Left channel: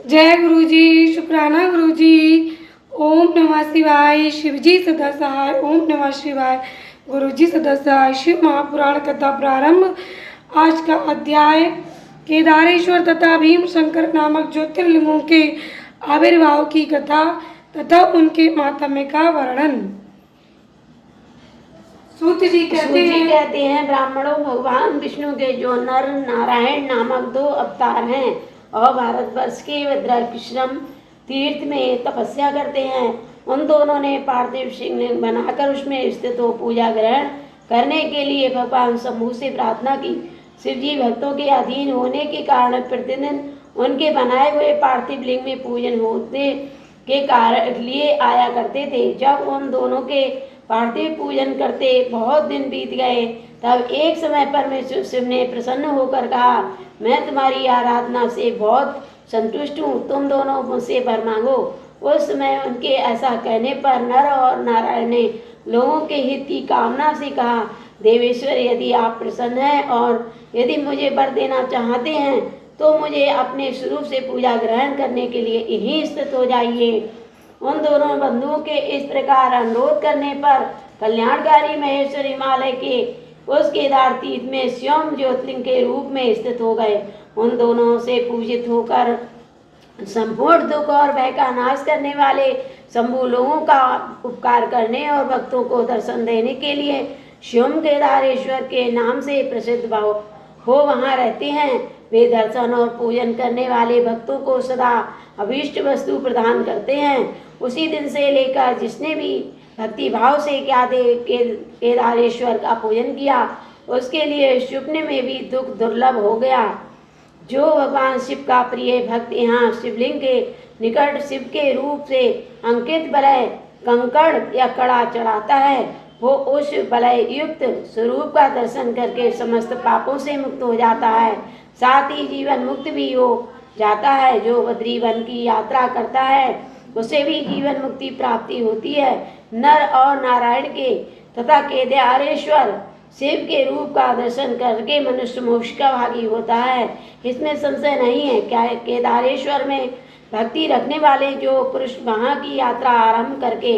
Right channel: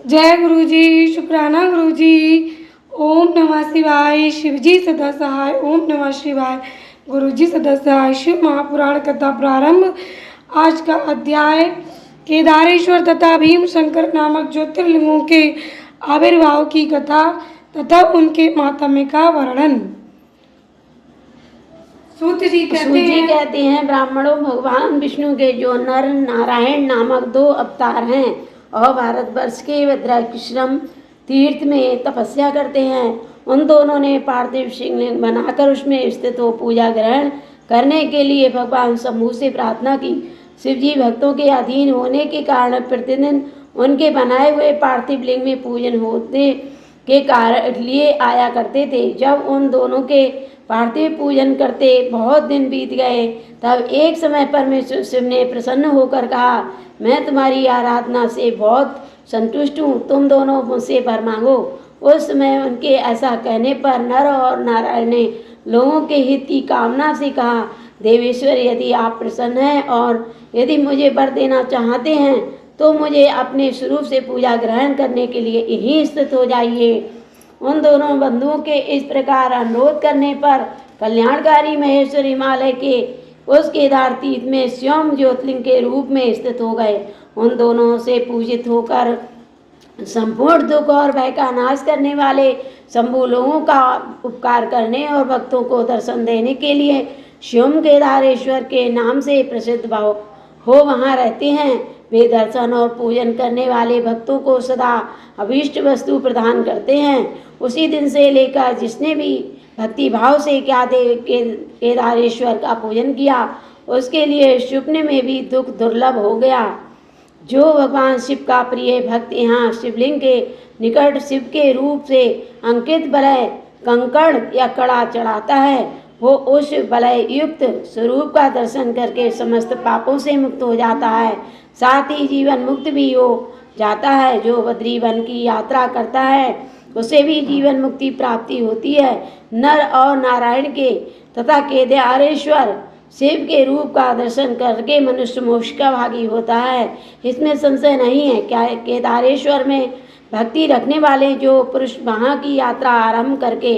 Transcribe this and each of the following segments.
जय गुरु जी, शुक्राना गुरु जी। ओम नमः शिवाय। शिवजी सदा सहाय। ओम नमः शिवाय। गुरु जी सदा सहाय। शिव महापुराण कथा प्रारंभ। आज का अध्याय केदारेश्वर तथा भीम शंकर नामक ज्योतिर्लिंगों के आविर्भाव की कथा तथा उनके माहात्म्य का वर्णन। सूत जी कहते हैं ब्राह्मणों, भगवान विष्णु के जो नर नारायण नामक दो अवतार हैं और भारतवर्ष के भद्राश्रम तीर्थ में तपस्या करते हैं, उन दोनों ने पार्थिव शिवलिंग बनाकर उसमें स्थित हो पूजा ग्रहण करने के लिए भगवान शंभु से प्रार्थना की। शिवजी भक्तों के अधीन होने के कारण प्रतिदिन उनके बनाए हुए पार्थिव लिंग में पूजन होने के कारण लिए आया करते थे। जब उन दोनों के पार्थिव पूजन करते बहुत दिन बीत गए, तब एक समय परमेश्वर शिव ने प्रसन्न होकर कहा, मैं तुम्हारी आराधना से बहुत संतुष्ट हूँ, तुम दोनों मुझसे वर मांगो। उस समय उनके ऐसा कहने पर नर और नारायण ने लोगों के हित की कामना से कहा, देवेश्वर, यदि आप प्रसन्न हैं और यदि मुझे वर देना चाहते हैं तो मुझे अपने स्वरूप से पूजा ग्रहण करने के लिए यहीं स्थित हो जाइए। उन दोनों बंधुओं के इस प्रकार अनुरोध करने पर कल्याणकारी महेश्वर हिमालय के उस केदार तीर्थ में स्वयं ज्योतिर्लिंग के रूप में स्थित हो गए। उन दोनों से पूजित होकर संपूर्ण दुख और भय का नाश करने वाले शंभु लोगों का उपकार करने और भक्तों को दर्शन देने के लिए स्वयं केदारेश्वर के नाम से प्रसिद्ध हो वहाँ रहते हैं। वे दर्शन और पूजन करने वाले भक्तों को सदा अभीष्ट वस्तु प्रदान करते हैं। उसी दिन से लेकर जिसने भी भक्ति भाव से केदारेश्वर का पूजन किया, उसके लिए स्वप्न में भी दुख दुर्लभ हो गया। जो भगवान शिव का प्रिय भक्त यहाँ शिवलिंग के निकट शिव के रूप से अंकित वलय कंकड़ या कड़ा चढ़ाता है, वो उस वलय युक्त स्वरूप का दर्शन करके समस्त पापों से मुक्त हो जाता है, साथ ही जीवन मुक्त भी हो जाता है। जो बद्री वन की यात्रा करता है उसे भी जीवन मुक्ति प्राप्ति होती है। नर और नारायण के तथा केदारेश्वर शिव के रूप का दर्शन करके मनुष्य मोक्ष का भागी होता है, इसमें संशय नहीं है। क्या केदारेश्वर में भक्ति रखने वाले जो पुरुष वहाँ की यात्रा आरंभ करके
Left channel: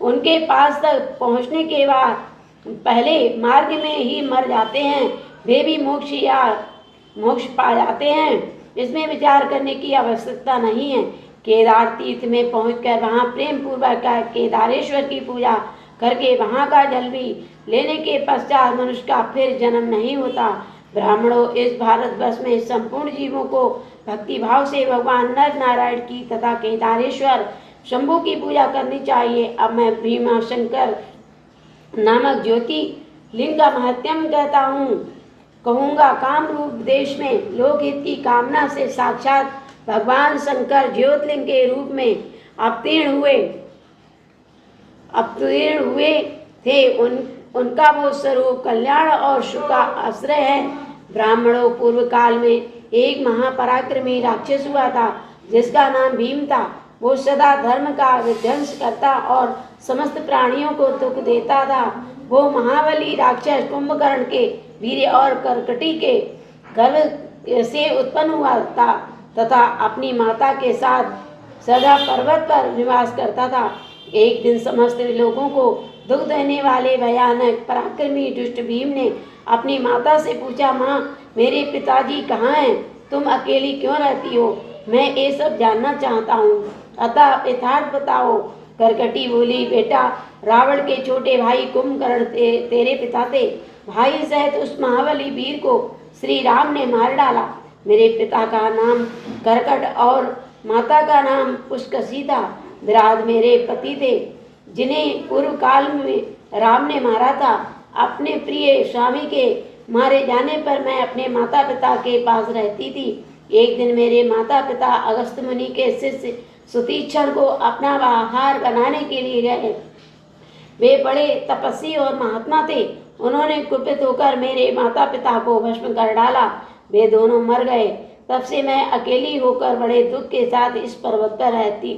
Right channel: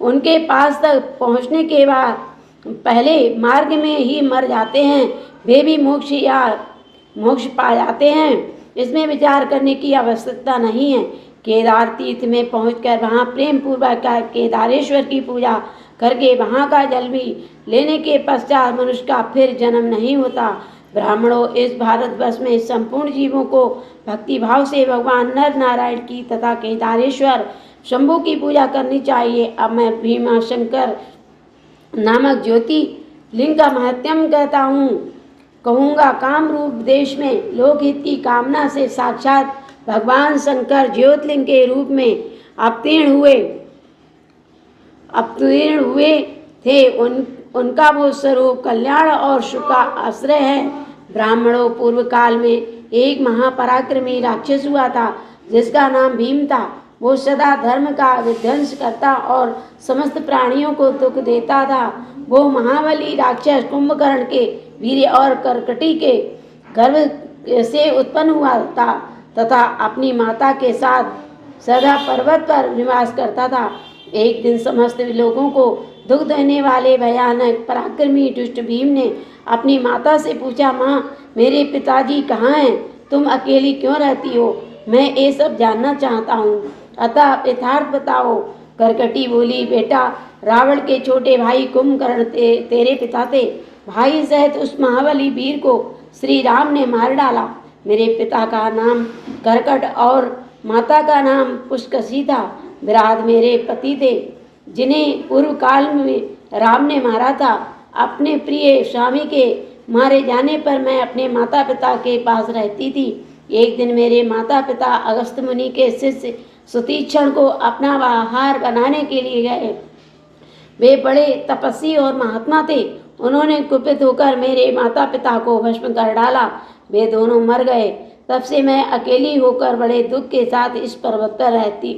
उनके पास तक पहुँचने के बाद पहले मार्ग में ही मर जाते हैं, वे भी मोक्ष पा जाते हैं। इसमें विचार करने की आवश्यकता नहीं है। केदार तीर्थ में पहुंचकर वहां प्रेम पूर्वक केदारेश्वर की पूजा करके वहां का जल भी लेने के पश्चात मनुष्य का फिर जन्म नहीं होता। ब्राह्मणों, इस भारतवर्ष में संपूर्ण जीवों को भक्ति भाव से भगवान नर नारायण की तथा केदारेश्वर शंभु की पूजा करनी चाहिए। अब मैं भीमा शंकर नामक ज्योति लिंग का महत्व कहूँगा। काम रूप देश में लोकहित की कामना से साक्षात भगवान शंकर ज्योतिर्लिंग के रूप में अवतीर्ण हुए थे। उनका वो स्वरूप कल्याण और सुख का आश्रय है। ब्राह्मणों, पूर्व काल में एक महापराक्रमी राक्षस हुआ था जिसका नाम भीम था। वो सदा धर्म का विध्वंस करता और समस्त प्राणियों को दुख देता था। वो महाबली राक्षस कुंभकर्ण के वीर और करकटी के गर्भ से उत्पन्न हुआ था तथा अपनी माता के साथ सदा पर्वत पर निवास करता था। एक दिन समस्त लोगों को दुख देने वाले भयानक पराक्रमी दुष्ट भीम ने अपनी माता से पूछा, माँ, मेरे पिताजी कहाँ हैं? तुम अकेली क्यों रहती हो? मैं ये सब जानना चाहता हूँ, अतः यथार्थ बताओ। करकटी बोली, बेटा, रावण के छोटे भाई कुंभकर्ण तेरे पिता थे। भाई सहित उस महाबली वीर को श्री राम ने मार डाला। मेरे पिता का नाम करकट और माता का नाम पुष्कसी था। विराट मेरे पति थे जिन्हें पूर्व काल में राम ने मारा था। अपने प्रिय स्वामी के मारे जाने पर मैं अपने माता पिता के पास रहती थी। एक दिन मेरे माता पिता अगस्त मुनि के शिष्य सुतीक्षण को अपना आहार बनाने के लिए गए। वे बड़े तपस्वी और महात्मा थे। उन्होंने कुपित होकर मेरे माता पिता को भस्म कर डाला। वे दोनों मर गए। तब से मैं अकेली होकर बड़े दुख के साथ इस पर्वत पर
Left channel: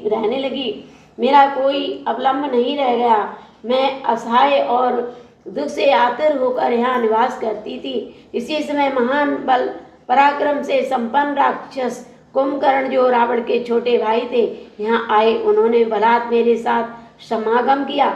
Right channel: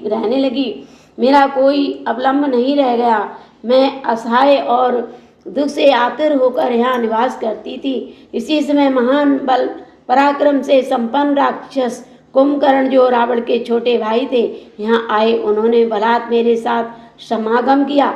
रहने लगी। मेरा कोई अवलंब नहीं रह गया। मैं असहाय और दुख से आतुर होकर यहाँ निवास करती थी। इसी समय महान बल पराक्रम से संपन्न राक्षस कुंभकर्ण जो रावण के छोटे भाई थे यहाँ आए, उन्होंने बलात् मेरे साथ समागम किया